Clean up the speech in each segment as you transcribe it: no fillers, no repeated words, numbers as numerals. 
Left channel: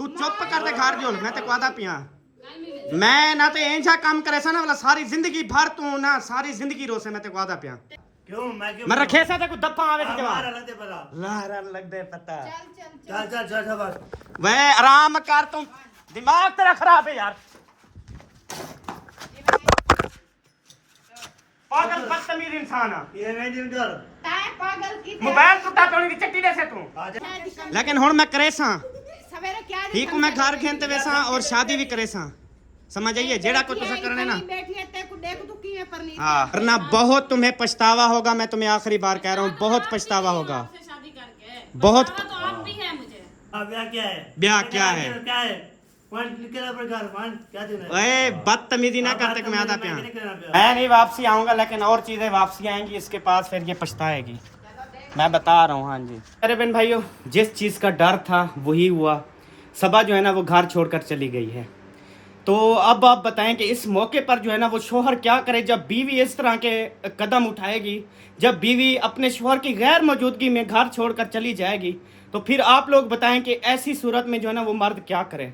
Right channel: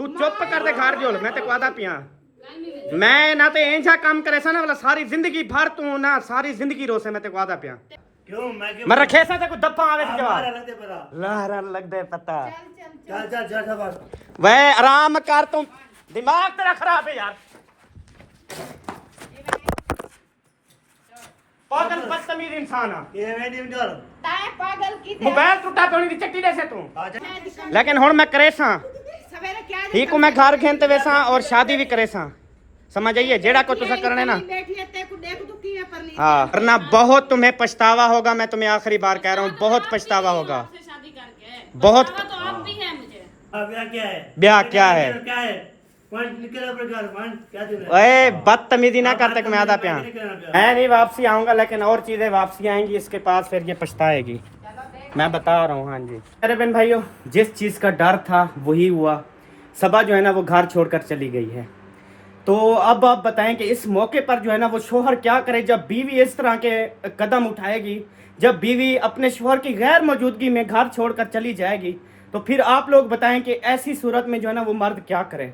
तू चुप कर दे घर जोल मैं ते वादा पिया मैं ना ते इंजा काम करे सा ना वाला सारी जिंदगी भर तू ना सारी जिंदगी रोसे मैं ते वादा पिया मैं रखे सा कोई दफा आवे के जवाब लारा लग दे पता चल बस वे आराम कर तू दिमाग तेरा खराब है यार पागल बदतमीज इंसान है मोबाइल टूटा पे उन्हीं चट्टी दे से तू लेकिन हुन मैं करे सा ठीक हूं मैं घर खेलते वैसा और शादी भी करे सा समझ आइए जेड़ा को तुसा करने ना हाँ करना बहुत तुम्हें पछतावा होगा मैं तुम्हें आखिरी बार कह रहा हूँ बहुत पछतावा होगा बहुत ब्याह क्या है बदतमीजी ना करते मैं आधा प्यार मैं नहीं वापसी आऊंगा लेकिन और चीजें वापसी आएंगी इसके पास फिर ये पछताएगी मैं बता रहा हूँ। हाँ जी अरे बहन भाइयों जिस चीज का डर था वही हुआ सबा जो है ना वो घर छोड़कर चली गई है। तो अब आप बताएं कि इस मौके पर जो है ना वो शोहर क्या करे जब बीवी इस तरह के कदम उठाएगी जब बीवी अपने शोहर की गैर मौजूदगी में घर छोड़कर चली जाएगी तो फिर आप लोग बताएं कि ऐसी सूरत में जो है ना वो मर्द क्या करे।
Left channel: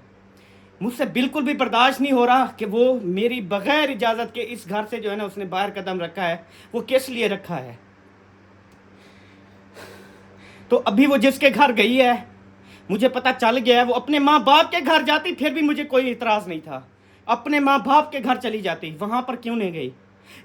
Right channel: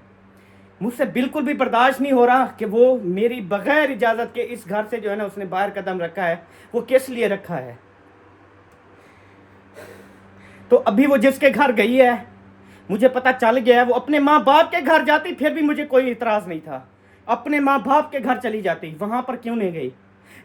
मुझसे बिल्कुल भी बर्दाश्त नहीं हो रहा कि वो मेरी बगैर इजाज़त के इस घर से जो है ना उसने बाहर कदम रखा है। वो किस लिए रखा है? तो अभी वो जिसके घर गई है मुझे पता चल गया है वो अपने माँ बाप के घर जाती फिर भी मुझे कोई इतराज़ नहीं था। अपने माँ बाप के घर चली जाती वहाँ पर क्यों नहीं गई?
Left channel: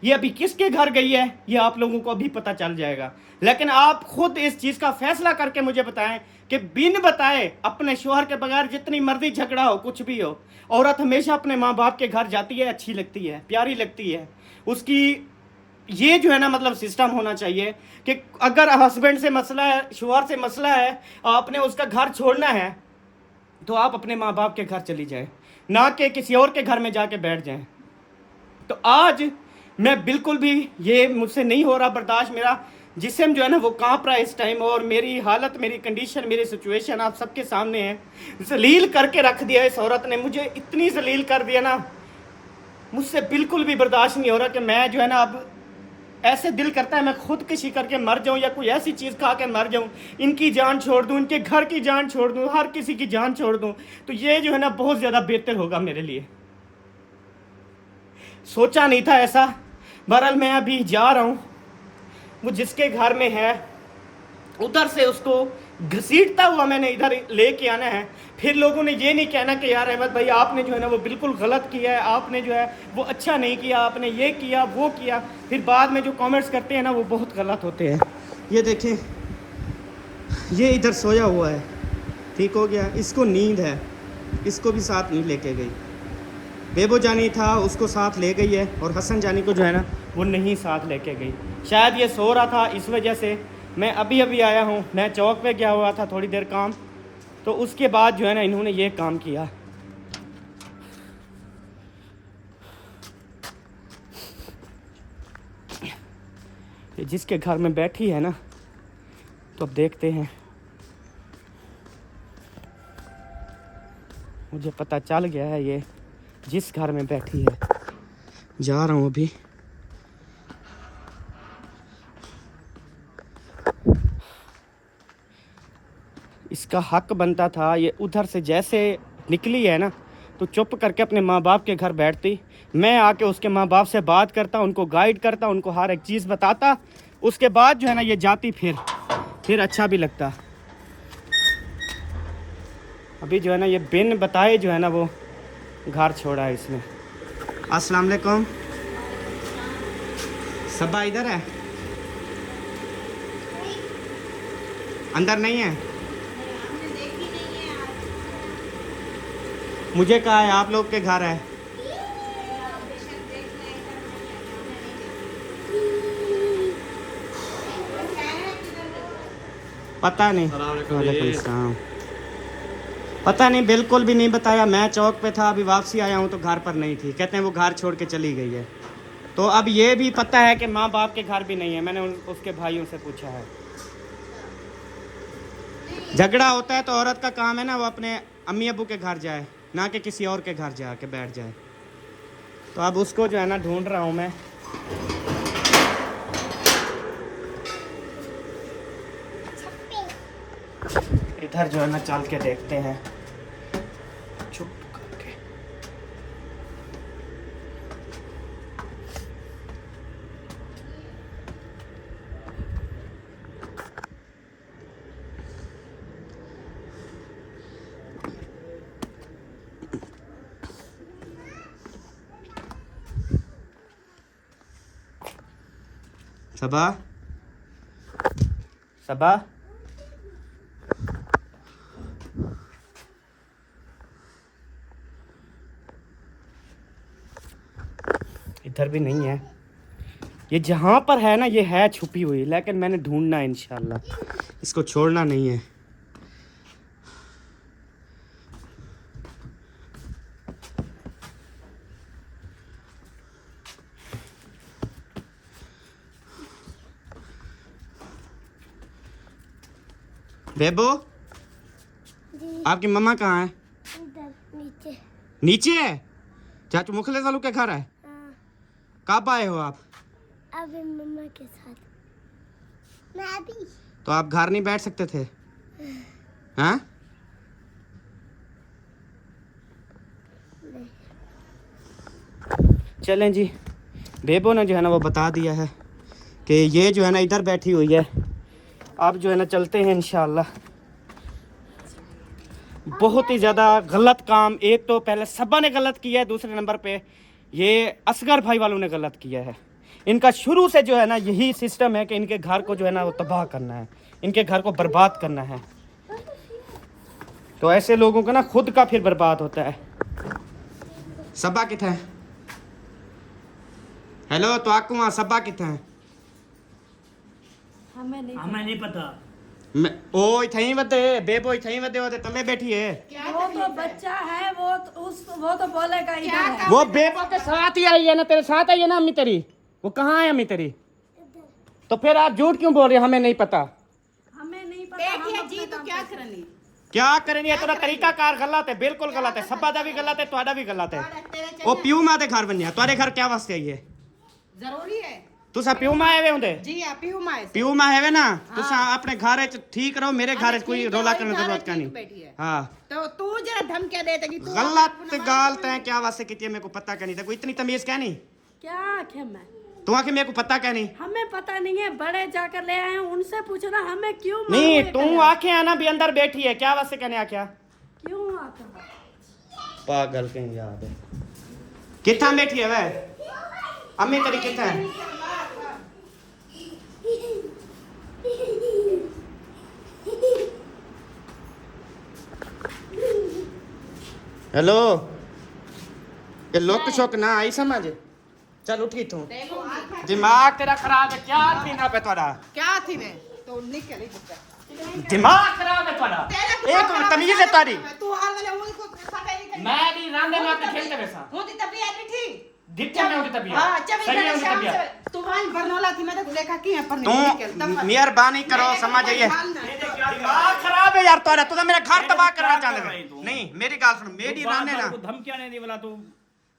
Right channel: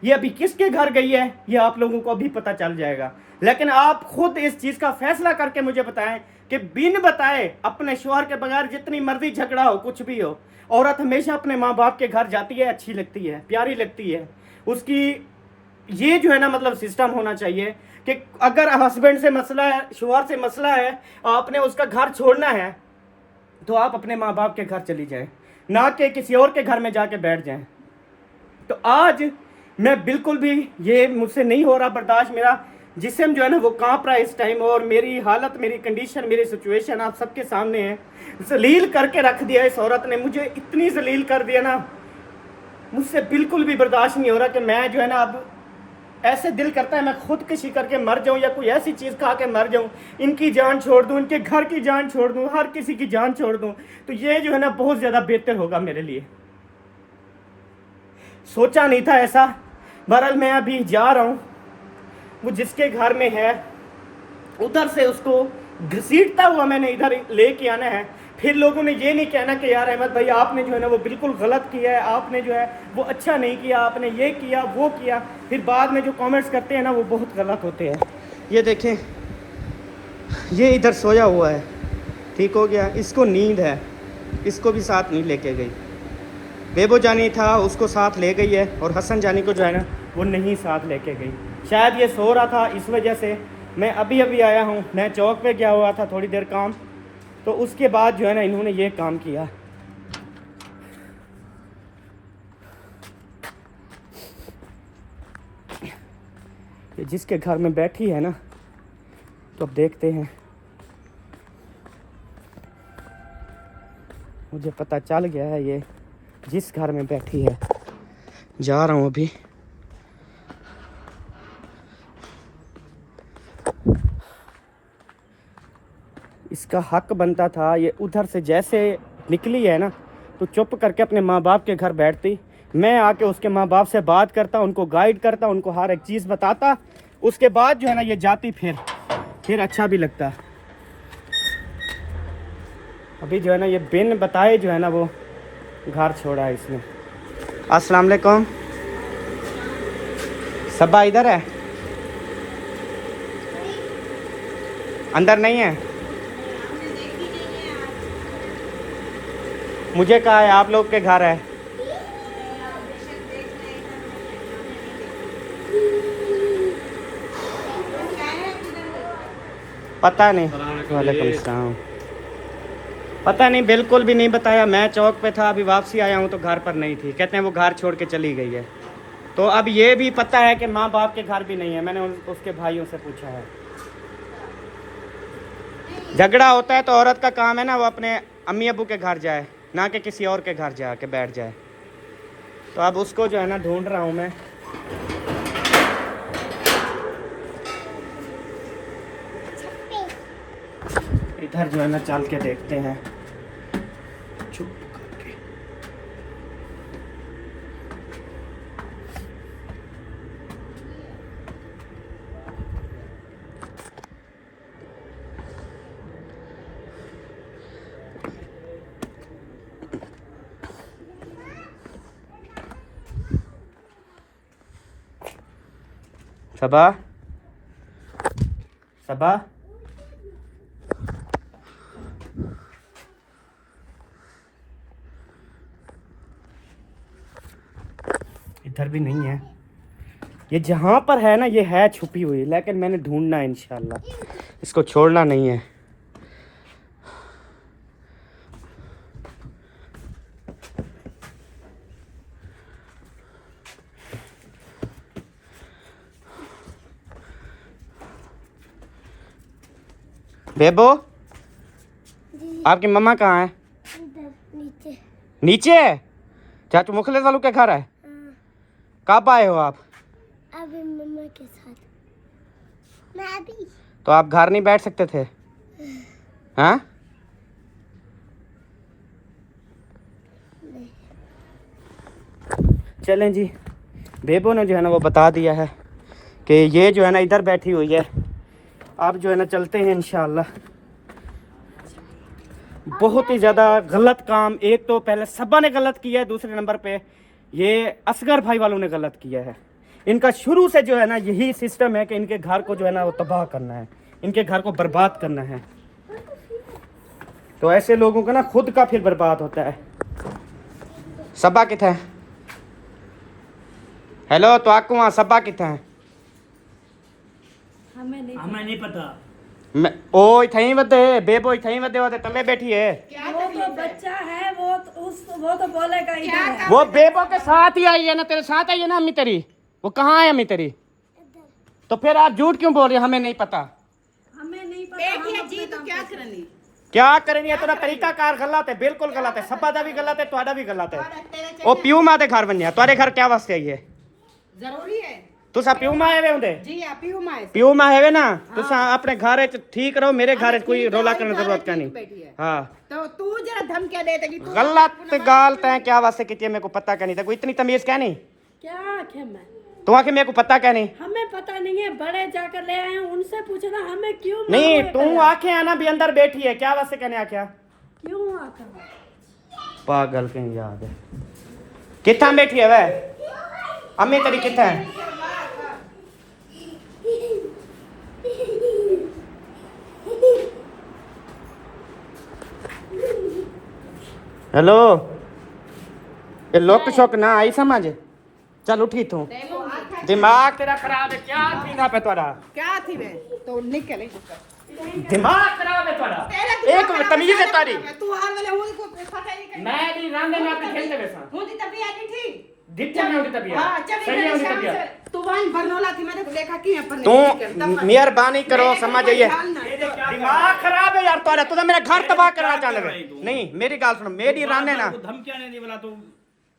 ये अभी किसके घर गई है ये आप लोगों को अभी पता चल जाएगा। लेकिन आप खुद इस चीज़ का फैसला करके मुझे बताएं कि बिन बताए अपने शोहर के बगैर जितनी मर्जी झगड़ा हो कुछ भी हो औरत हमेशा अपने माँ बाप के घर जाती है, अच्छी लगती है, प्यारी लगती है। उसकी ये जो है ना मतलब सिस्टम होना चाहिए कि अगर हस्बैंड से मसला है शोहर से मसला है आपने उसका घर छोड़ना है तो आप अपने माँ बाप के घर चली जाएं ना कि किसी और के घर में जाके बैठ जाएं। तो आज मैं बिल्कुल भी ये मुझसे नहीं हो रहा बर्दाश्त। मेरा जिस्म जो है ना वो कांप रहा है इस टाइम और मेरी हालत मेरी कंडीशन मेरी सिचुएशन आप सबके सामने है। जलील करके रख दिया इस औरत ने मुझे इतनी जलील कर दिया ना मुझसे बिल्कुल भी बर्दाश्त नहीं हो रहा कि मैं जो है ना अब ऐसे दिल करता है मैं खुदकुशी करके मर जाऊं या कोई ऐसी चीज़ खा के मर जाऊं इनकी जान छोड़ दूं इनके घर की जान छोड़ दूं हर किसी की जान छोड़ दूं तो ये जो है ना बहुत ज़्यादा बेहतर होगा मेरे लिए। सोचा नहीं था ऐसा। बहरहाल मैं अभी जा रहा हूँ वो जिसके घर में है उधर से उसको घसीटता हुआ मैंने इधर लेके आना है। फिर लोगों ने ये नहीं कहना कि यार अहमद भाई आपने जो है ना वो बिल्कुल गलत किया है आपने जो है वो अच्छा नहीं किया आपने ये किया वो किया। फिर बाद में जो कमेंट्स करते हैं ना वो बहुत गलत होते हैं। ये देखें ये इधर सोया हुआ है ठीक हो गया इसको नींद है इसको भी साथ नहीं लेके गई। बेबो जानी था उसको साथ ले गई है और हसन जानी को जो है ना वो नहीं साथ लेके गई। शायद ये सो रहा था इस वजह से मैं अभी अभी आया हूँ। मैं चौक पे गया हुआ था थोड़ी देर काम तो उसके बाद जो है ना इन्होंने ये काम किया। जिसके घर में बैठी है ना तो अब देखते हैं। मुझे पता चल गया है ये जिस घर में बैठी है। जा रहा हूँ अभी। इसका हक बनता था ये उधर से जैसे निकली है ना तो चुप करके अपने माँ बाप के घर बैठती। मैं आके उसके माँ बाप से बात करता उनको गाइड करता उनको हर एक चीज़ बताता उसके बाद जो है ना ये जाती फिर अच्छा भी लगता। अभी जो है ना ये बिन बताए जो है ना वो घर छोड़ा है इसने। अस्सलाम वालेकुम सबा इधर है अंदर नहीं है? मुझे कहा है आप लोग के घर है। पता नहीं वालेकुम सलाम पता नहीं बिल्कुल भी नहीं बताया। मैं चौक पे था अभी वापसी आया हूँ तो घर पर नहीं थी। कहते हैं वो घर छोड़ के चली गई है। तो अब ये भी पता है कि माँ बाप के घर भी नहीं है। मैंने उसके भाइयों से पूछा है। झगड़ा होता है तो औरत का काम है ना वो अपने अम्मी अबू के घर जाए ना कि किसी और के घर जाके बैठ जाए। तो अब उसको जो है ना ढूंढ रहा हूँ मैं। इधर जो है ना चल के देखते हैं चुप करके। सबा, सबा, इधर भी नहीं है। ये जहाँ पर है ना, ये है छुपी हुई, लेकिन मैंने ढूंढना है इंशाल्लाह, इसको छोड़ना नहीं है। बेबो, आपकी मम्मा कहाँ है? नीचे। नीचे है? चाचू मुखलिस वालों के घर है? कब आए हो आप? अभी मम्मा के साथ। मैं भी। तो आप घर नहीं बैठ सकते थे? हाँ? चलें जी, बेबो ने जो है ना वो बता दिया है कि ये जो है ना इधर बैठी हुई है। आप जो है ना चलते हैं इंशाल्लाह। बहुत ही ज़्यादा गलत काम, एक तो पहले सबा ने गलत किया है, दूसरे नंबर पे ये असगर भाई वालों ने गलत किया है। इनका शुरू से जो है ना यही सिस्टम है कि इनके घर को जो है ना वो तबाह करना है, इनके घर को बर्बाद करना है। तो ऐसे लोगों का ना खुद का फिर बर्बाद होता है। सबा किथे है? हेलो, तो आपको वहाँ सबा किथे है? हमें नहीं पता। मैं ओ इथई वदे बेबो इथई वदे वदे तले बैठी है। वो तो बच्चा है, वो तो बोलेगा इधर है। वो बेबो के साथ ही आई है ना, तेरे साथ आई है ना अम्मी तेरी? वो कहाँ है अम्मी तेरी? तो फिर आप झूठ क्यों बोल रहे हो? हमें नहीं पता। हमें नहीं पता। हम जी तो क्या करनी? क्या करेंगे? तेरा तरीका कार गलत है, बिल्कुल गलत है। सबा दा भी गलत है, तुहाडा भी गलत है। ओ प्यू मां दे घर बनया, तुम्हारे घर क्या वास्ते आई है? जरूरी है तुसा प्यू मां आए होंदे? जी हाँ पीऊ माए प्यू मां है ना, तुसा अपने घर च ठीक रहो, मेरे घर च कोई रोला करने की जरूरत का नहीं। बैठी है हाँ, तो तू जरा धमकियां देते कि तू गलत गाल तैं क्या वास्ते की? मेरे को पता क्या नहीं था, कोई इतनी तमीज क्या नहीं? क्या आखे मैं? तू आके मेरे को पता क्या नहीं? हमें पता नहीं है, बड़े जाकर ले आए हैं, उनसे पूछना हमें क्यों नहीं, मालूम है तू क्या? आके आना भी अंदर बैठी है, क्या वास्ते कहने आख्या? क्यों आके? पागल कहीं याद है। कितना बैठी है वह? अम्मी तेरी कितना है? हेलो, ये लोक शोक ना आई समझ? चल उठी तू, दिमाग तेरा खराब है क्या? थी ना पे तोड़ा क्या थी मैं तो निकले दिमाग खराब है तोड़ा। एक तमीज है तारी। तू हाल वाले उनको खटा नहीं कर मैं भी रांदे ना पे खेलते वैसा मुझे तबीयत नहीं थी दिखते में उनकी तबीयत। हां जब सही है उनकी शाम तबीयत। से तू वहां बरनौला थी मैंने देखा कि यहां पर तू मेहरबानी करो, समझ आइए। दिमाग खराब है यार तोरा, तू तो मेरा घर तबाह करना चाह रहे। नहीं मेरी गाल सुनो, मेरी राने ना धमकियां नहीं दी बोला तू।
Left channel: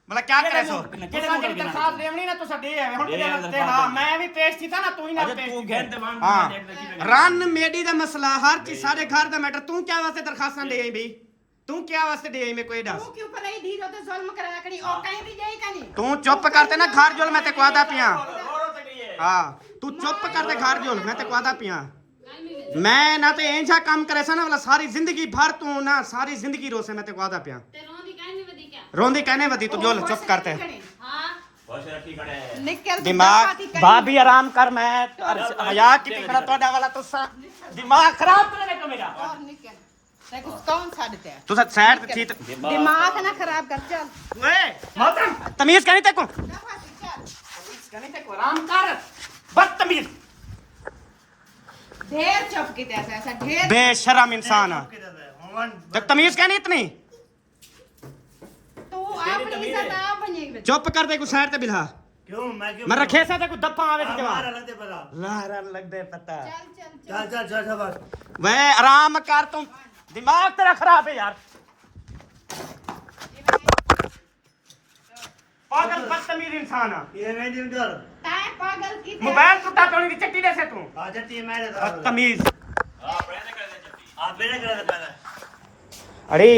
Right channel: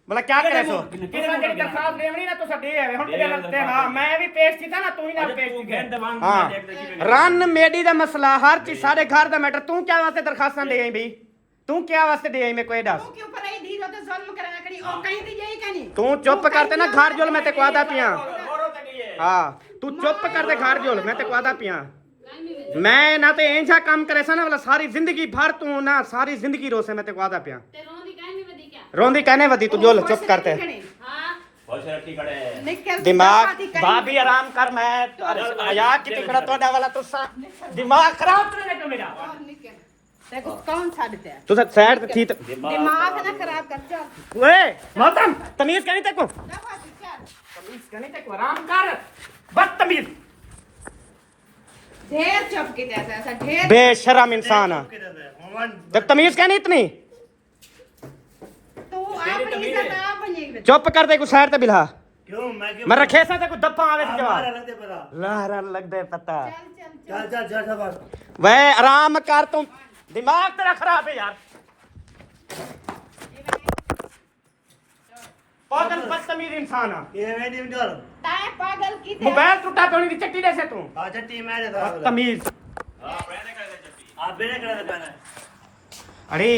बोला क्या करे सो तुसा मेरी दरखास्त देवनी ना, तुसा दे है हुन तेरे लगते। हां मैं भी पेश थी था ना, तू ही ना पेश थी। हां रन मेडी दा मसला, हर चीज सारे घर दा मैटर। तू क्या वास्ते दरखास्तां दे आई भाई? तू क्या वास्ते दे आई? मैं कोई दस तू के ऊपर आई धीरे तो जुल्म करा करी और कहीं भी यही कनी तू चुप करते ना, घर जुल मैं ते क्वादा पिया। हां तू चुप कर दे, घर जुल मैं ते क्वादा पिया। मैं ना ते ऐसा काम करे सा ना वाला सारी जिंदगी भर तू ना, सारी जिंदगी रोसे मैं ते क्वादा पिया। रोंदी कहने वदी तू जोल चुप करते। दिमाग भाभी आराम कर, मैं हया की टिकड़ा तोड़ा वाला तो दिमाग खराब करने को मेरा। देखो कौन छाड़ते हैं तू साइड थी दिमाग ना खराब कर चल ओए मोहतरम, तमीज कहनी तेको, तमीज कहनी तेको, आराम कर बदतमीज ढेर चुप की जैसा ऐसा ढेर बेशरम इंसान। जब तमीज कहनी इतनी तू अपनी सदा बनेगी चुप कर दे, को साइड ते बिला। क्यों मैं रखे से तेको दफा आवे से हमारा जवाब लगते पता। लारा लग दे पता। चल चल चल शाबाश। वह आराम कर, तू दिमाग तेरा खराब है यार। पागल बदतमीज इंसान है। ये मैं नहीं डर। ताए पागल की मोबाइल टूटा पे उन्हीं चट्टी दे से तू आते टीम मैंने बदतमीज। आप बेने कर दे पहले। अरे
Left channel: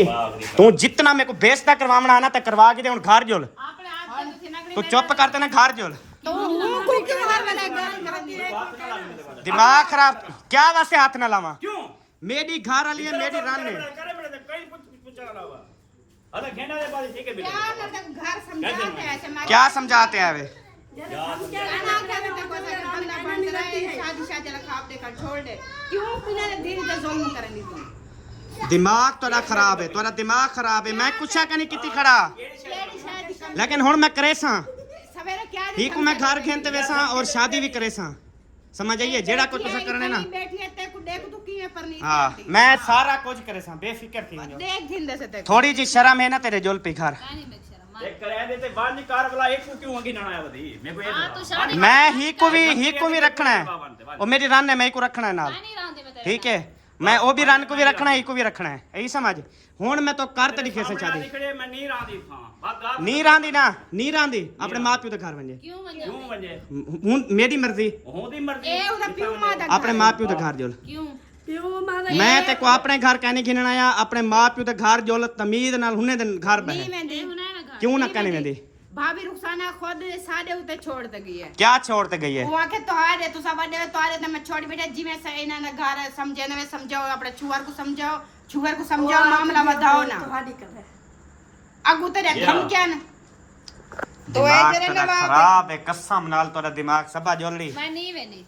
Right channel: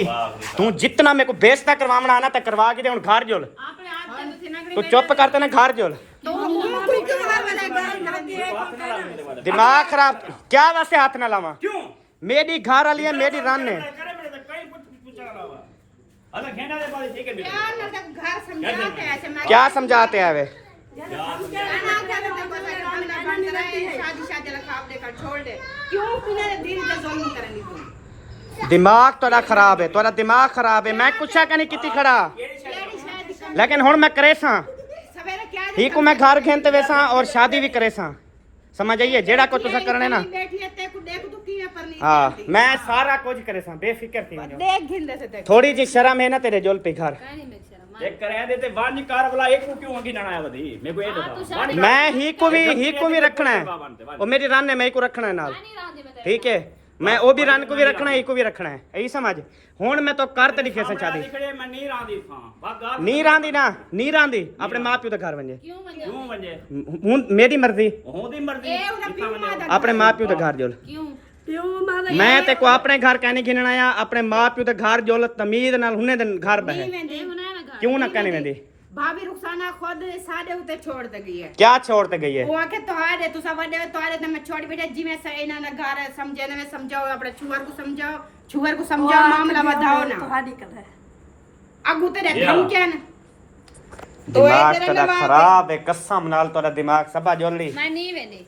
तू जितना मेरे को बेइज्जत करवाना आना तो करवा के दे हुन घर जोल आपने आप के तो ना तू चुप करते ना घर जोल तो कोई क्यों मार वाला घर दिमाग खराब क्या वास्ते हाथ ना लावा क्यों मेरी घर वाली है मेरी रान है करे मेरे से कहीं पूछा अलावा अरे घेंडा दे बाली ठीक है बेटा क्या ना घर समझाते हैं ऐसे मार क्या समझाते हैं वे शादी रखा आप देखा छोड़ दे क्यों बिना दिन से जुल्म करेंगी तुम दिमाग तोड़ा खराब है तोड़ा दिमाग खराब है मैं कुछ नहीं किती खड़ा लेकिन हुन मैं करे सा सवेरे क्या ठीक हूँ मैं घर खेलते वैसा और शादी भी करे सा समझ आइए जेड़ा को तुसा करने ना बैठी है ते को देख तू की है पर नहीं हाँ मैं सारा कुछ करे सा बेफिक्र थी देख घिंदे से देख थोड़ी जी शर्म है ना तेरे जोल पे घर एक करे देते वाणी कार वाला एक को क्यों होगी ना आया बदी मेरे को ये बता मैं ही को भी रखना है और मेरी रान ने मैं को रखना है नाल ठीक है मैं वो भी रान को भी रखना है को भी रखना है यही समझ हुन मैं तो कर तरीके से शादी दिखड़े मैं नीर आंदी था बागा नीर आंदी अपने माँ प्यो का घर बन जाए क्यों वजे हुन मेरी मर्जी होदी मर्जी ए उना पियो मादा अपने माँ प्यो का घर जोल क्यों पियो मादा मैं ते को अपने घर कहने गिनना आया अपने माँ प्यो का घर जोल तमीज नाल हुने दिन घर बहे क्यों ना कहने वेंदी भाभी रुखसाना खुद साडे उते छोड़ दे गई है क्या छोड़ते गई है वहां के तोहारे तुसा वडे तोहारे ते मैं छोड़ बेटा जी में से इना ना घर समझने में समझाओ अपने छुअर को समझाओ मामला बताओ ना अगू तेरे धमकियां ना दिमाग तेरा खराब है कसम नाल तोरा दिमाग सबा जोली मैं नहीं वेंदी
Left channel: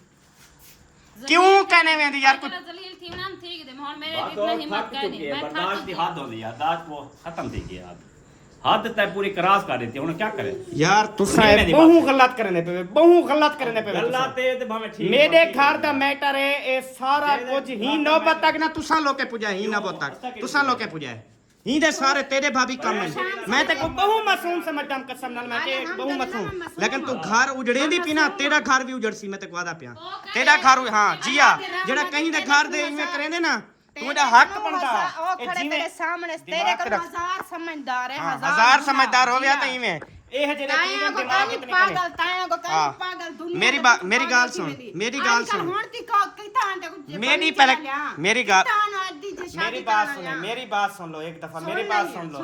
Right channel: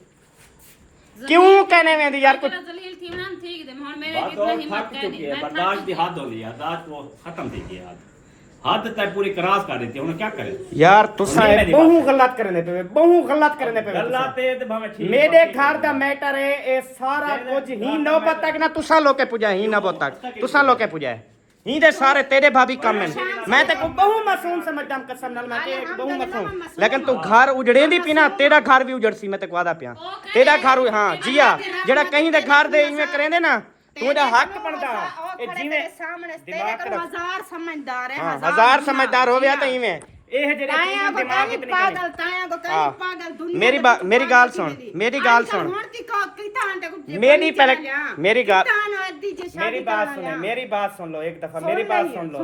क्यों कहने वेंदी यार कुछ जलील थी ना ठीक दे और मेरे बात इतना और हिम्मत थक कर चुकी नहीं है मैं बर्दाश्त की हद होनी है दाज को खत्म थी गई हद तक पूरी क्रॉस कर देती है उन्हें क्या करे यार तुसा बहु गलत करने पे गल्ला ते ते भावे ठीक मेरे घर दा मैटर है ए सारा कुछ ही नौबत तक ना तुसा लोके पूजा ही नौबत तक तुसा लोके पूजा है ही दे सारे तेरे भाभी कम है मैं ते को बहु मासूम समझदा हूं कसम नाल मैं के बहु मासूम लेकिन तू घर उजड़ेंदी पी ना तेरा घर भी उजड़ सी मैं ते वादा पिया तेरा घर हां जिया जेड़ा कहीं दे घर दे इवें करेंदे ना तू दा हक बनदा ए जिने तेरे सामने तेरे को हजार समझदार है हां हजार समझदार हो गया तो इवें ए है जेड़ा चीज़ दिमाग इतनी पागल ताया को ताया पागल दुनिया मेरी गाल सुन मेरी बात सुन मेरी बात सुन लो एक दफा मेरी बात सुन लो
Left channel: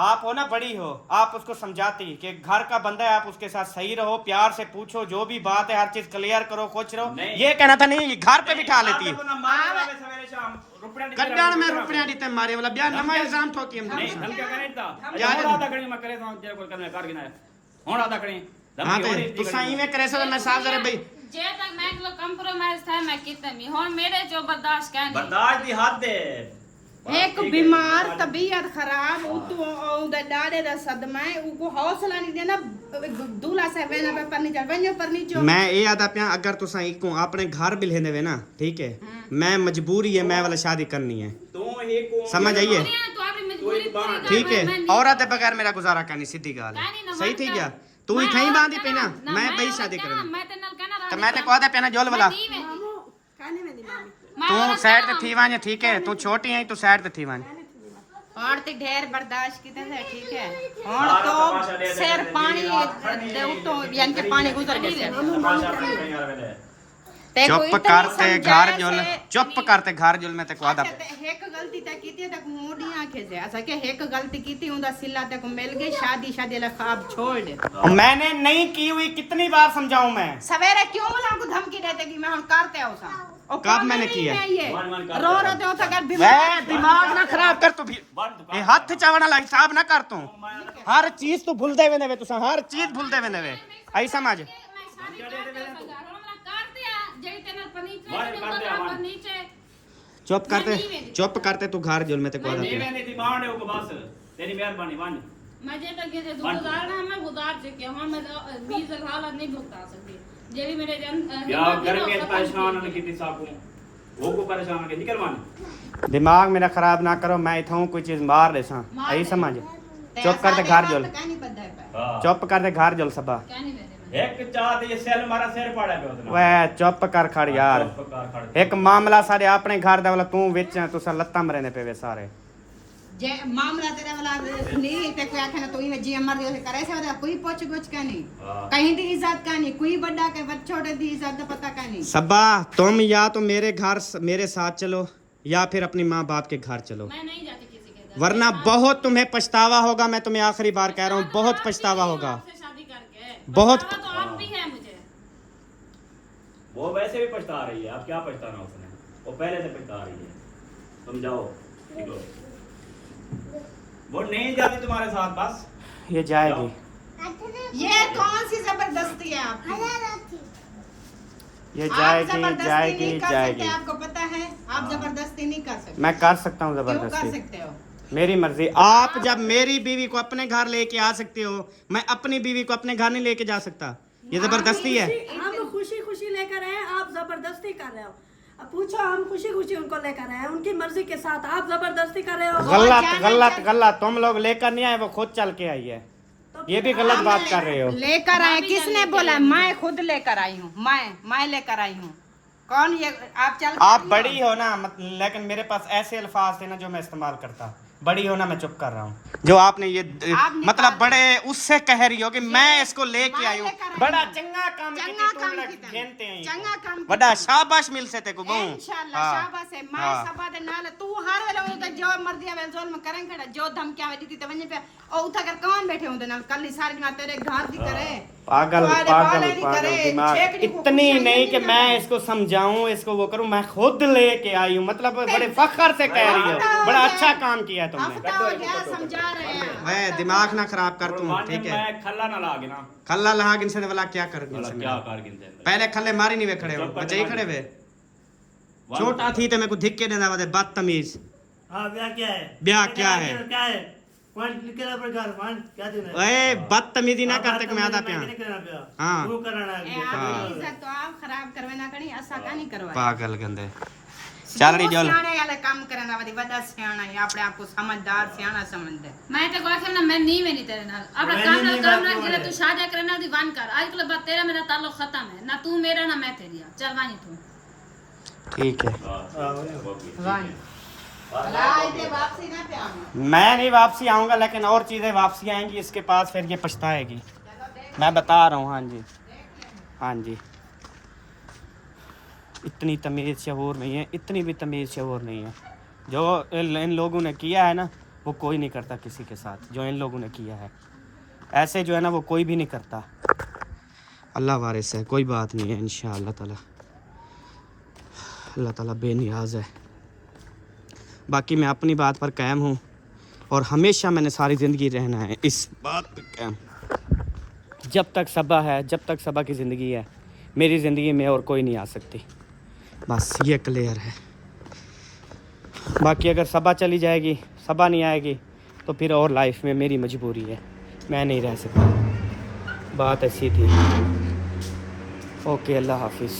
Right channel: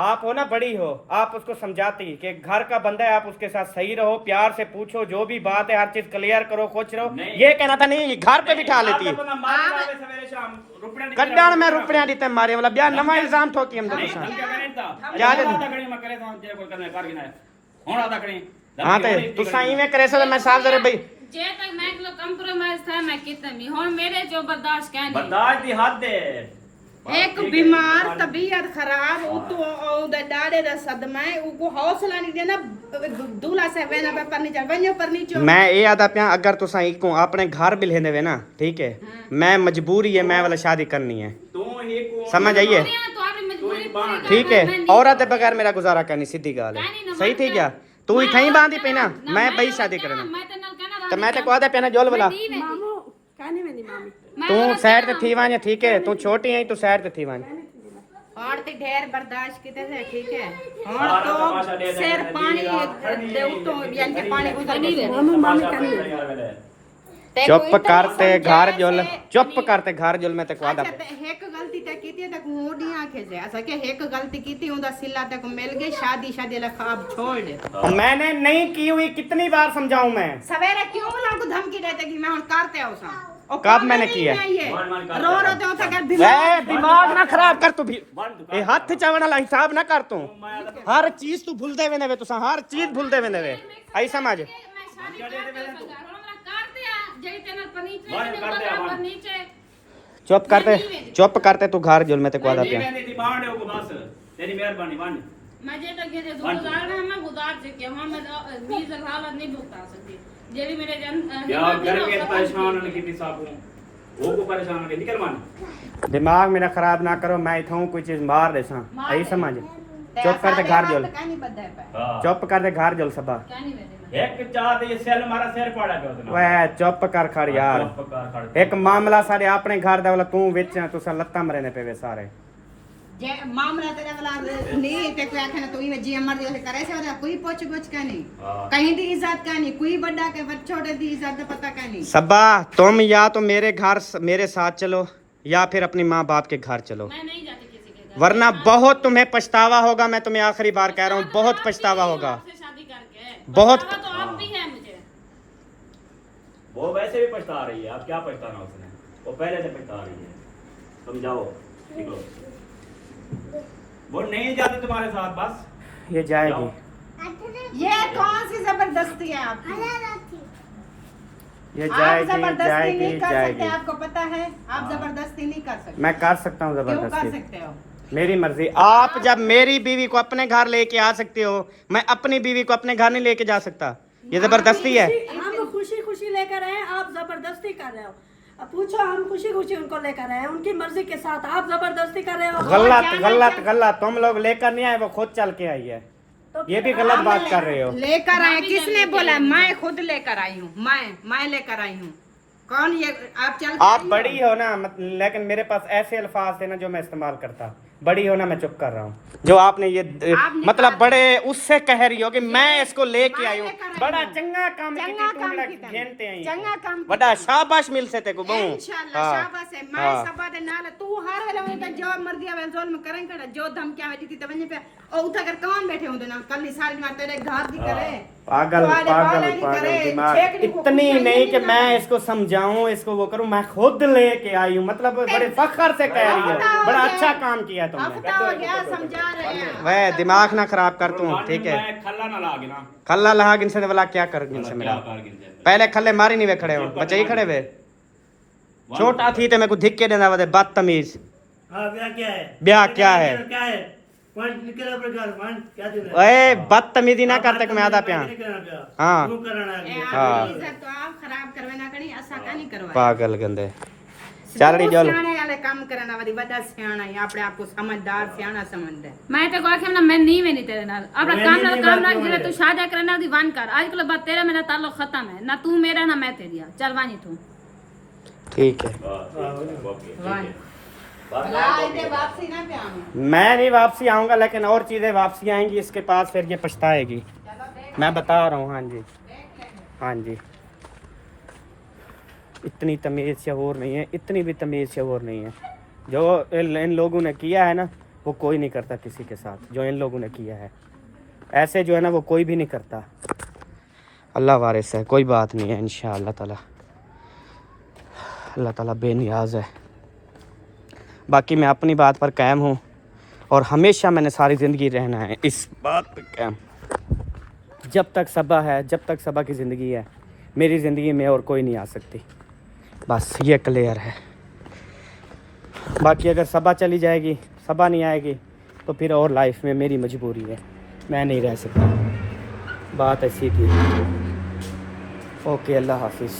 आप हो ना बड़ी हो आप उसको समझाती कि घर का बंदा है आप उसके साथ सही रहो प्यार से पूछो जो भी बात है हर चीज क्लियर करो खुश रहो ये कहना था नहीं घर पे बिठा लेती है कल्याण में रुपया दीते मारे वाला ब्याह नवा इल्जाम ठोकी हम दोनों हाँ तो तुसा इवें करे से मैं साल दरे भाई जे तक मैं को कंप्रोमाइज था मैं कितने भी और मेरे जो बर्दाश्त क्या नहीं बर्दाश्त की हद है एक बीमार तबीयत खराब उतो डाडे दा सदमा है उको हौसला नहीं देना दूल्हा से वेना पे पर नीचे मैं ये आदा पिया अगर तुसा इको अपने घर भी लेने वे ना ठीक है मैं मजबूरी है मैं वाला शादी करनी है समझ आइए ठीक है औरत के बगैर मेरा गुजारा करनी सीधी गाल है सही थी क्या तू ही थई बांधी पे ना मैं भाई शादी करना तो मैं तो कहदा पे ना जोल वाला तू साइड ते थी वाने ठीक है तू छोटी है तू साइड ते थी वाने और ते ढेर बर्दाश्त की तरह ठीक है और तो सर पानी दे तो यानी कि पानी गुजर नहीं दे चुप करते घर जोल चुप करते घर जोल मैं ते कहदा एक गलती ते कीती ते होडी आंखे से ऐसा कि एक गलती कीती उंदा सिला ते को मिल गई शादी ला खाब छोड़ दे मैंने नहीं की हुई कितनी बार समझाऊं मैं सवेरे क्यों ना को धमकी देते कि मैं हुन करते आऊं सा कब मैंने किया रो तो था दिमाग ना खराब कर तू भी ए हाथ चावना ला हिसाब ना कर तू हर चीज तू भूल दे वेने वे तुसा हर चीज भूल दे वेने वे आई समझ चुप करते तू घर जोल में ते कहदा पिया तेरी मेहरबानी वाणी मैं जे तक के गुजार ना मैं गुजार चुके हूं मैं 20 हालत नहीं भुगता सकती जे भी मेरे जन यार घर के परेशान न कितनी साकू वो को परेशान के निकल मान दिमाग मेरा खराब ना करो मैं इथां कोई चीज मार देसा आई समझ चुप करते घर जोल चुप करते घर जोल सबा एक चाहत ये सेल मारा सिर पाड़ा पे उतना ओए चुप कर खड़ यार एक मामला सारे अपने घर दा वाला तू विच तुसा लत्ता मरेने पे वे सारे जे मामला तेरे वाला नहीं ते कोई आखना तो ये जी अमर जैसे करे से कोई पूछ गुछ का नहीं कहीं दी इज्जत का नहीं कोई बड़ा के छोटे दी इज्जत का पता का नहीं सबा तुम या तो मेरे घर मेरे साथ चलो या फिर अपनी माँ बाप के घर चलो मैं नहीं जाती किसी के वरना बहुत तुम्हें पछतावा होगा। मैं तुम्हें आखिरी बार कह रहा हूँ, बहुत पछतावा होगा। आपसे शादी करके बहुत- पछतावा तो आप भी है मुझे। वो वैसे भी पछता रही है, अब क्या पछताना उसने, वो पहले से पछता रही है। समझाओ निकलो, वो नहीं जाती तुम्हारे साथ, बस ये जाएगी। ये कौन सी जबरदस्ती है आपकी? ये आप जाएगी जबरदस्ती जाएगी नहीं कर सकते, जाएगी। आपको पता है आप जबरदस्ती नहीं कर सकते। मैं कर सकता हूँ क्यों कर जबरदस्ती, सकते हो? मेरी मर्जी। आप जब मेरी बीवी को अपने घर लेके आ सकते हो, मैं अपनी बीवी को अपने घर नहीं लेके जा सकता। ये जबरदस्ती है। हम खुशी खुशी लेकर आए, आप जबरदस्ती कर रहे हो। अब पूछो, हम खुशी खुशी उनको लेकर आए, उनकी मर्जी के साथ आप जबरदस्ती कर रहे हो। गलत गलत गलत, तुम लोग लेकर नहीं आए, वो खुद चल के आई है। तो ये भी गलत बात कर रहे हो। लेकर आए, किसने बोला? मैं खुद लेकर आई हूँ, मैं लेकर आई हूँ। कौन ये? आप चल के आप आई बड़ी हो ना, लेकिन मेरे पास ऐसे अल्फाज थे ना जो मैं इस्तेमाल करता। बड़ी हो ना, मैं चुप कर रहा हूँ। जो आपने ये आपने मतलब कहा- बड़े उससे कह रही हो कि मैं इसको लेके मैं आई हूँ। लेकर आई बड़ा हूँ। चंगा काम चंगा काम की घेनते तरह। हैं। चंगा काम की बड़ा तरह। शाबाश मिल से तेको बहु। इंशाल्लाह शाबाश है। मैं सबा दे नाल तू हर वेले उनके जो मर्जी आवे जोल में करें कड़ा, जो धमकियां वे दी ते वने पे ओ उठा कर कौन बैठे होंदे नाल कल सारी बात तेरे घर दी करे। पागल तुम्हारे पागल बाले की पागल करे, दिमाग। छेकड़ी को इतनी कुछ नहीं कि नहीं मैं करना। इसको समझाऊं, इसको वो करूं, मैं खुद लेके आई हूँ। मतलब बड़े फख्र से कह रही हो, बड़ा अच्छा काम किया तुमने। हफ्ता हो गया समझा रहे हैं। वह दिमाग ना खराब कर तू, कुर्बान ठीक है। मैं खल्ला ना लागे ना, खल्ला लहा गिन से वाला क्या कर गिन भला से क्या मेरा। कर गिनते हैं। पहले खल्ले मारी नहीं वे खड़े हो, बच्चे ही खड़े वे। छोटा थी तो मेरे को धिक्के देना वे बदतमीज। हाँ ब्याह क्या है? ब्याह क्या है? क्या है? कौन निकला प्रकार कौन क्या तूने? ओए बदतमीजी ना करते मैं आधा प्यार। हाँ। क्यों करना ए है? आपकी इज्जत तो आप खराब करवे ना करी, असा का नहीं करवाए। पागल गंदे चल रही जोल। सियाणे वाले काम करना वाली बड़ा सियाणा है, अपने आप को समझदार सियाणा समझदे। मैं तो आखे ना मैं नहीं वेनी तेरे नाल अपना काम ना जिले तू शादी करना दी वन कर। आजकल बात तेरा मेरा ताल्लुक खत्म है, ना तू मेरा ना मैं तेरी। चल वानी तू ठीक है, आते वापसी ना पे आऊंगा। मैं नहीं वापसी आऊंगा, लेकिन और चीजें वापसी आएंगी इसके पास, फिर ये पछताएगी। मैं बता रहा हूँ। हाँ जी, हाँ जी। इतनी तमीज़ शऊर नहीं है, इतनी भी तमीज़ शऊर नहीं है। जो इन लोगों ने किया है ना, वो कोई नहीं करता किसी के साथ। जो इन लोगों ने किया है ऐसे जो है ना, वो कोई भी नहीं करता। अल्लाह वारिस है, कोई बात नहीं है। इंशाअल्लाह ताला, अल्लाह ताला बेनियाज है। बाकी मैं अपनी बात पर कायम हूँ, और हमेशा मैंने सारी ज़िंदगी रहना है इस बात पर कायम। जब तक सबा है, जब तक सबा की ज़िंदगी है, मेरी ज़िंदगी में और कोई नहीं आ सकती। बस ये क्लियर है। बाकी अगर सबा चली जाएगी, सबा नहीं आएगी, तो फिर और लाइफ में मेरी मजबूरी है, मैं नहीं रह सकता। बात ऐसी थी। ओके, अल्लाह हाफिज़।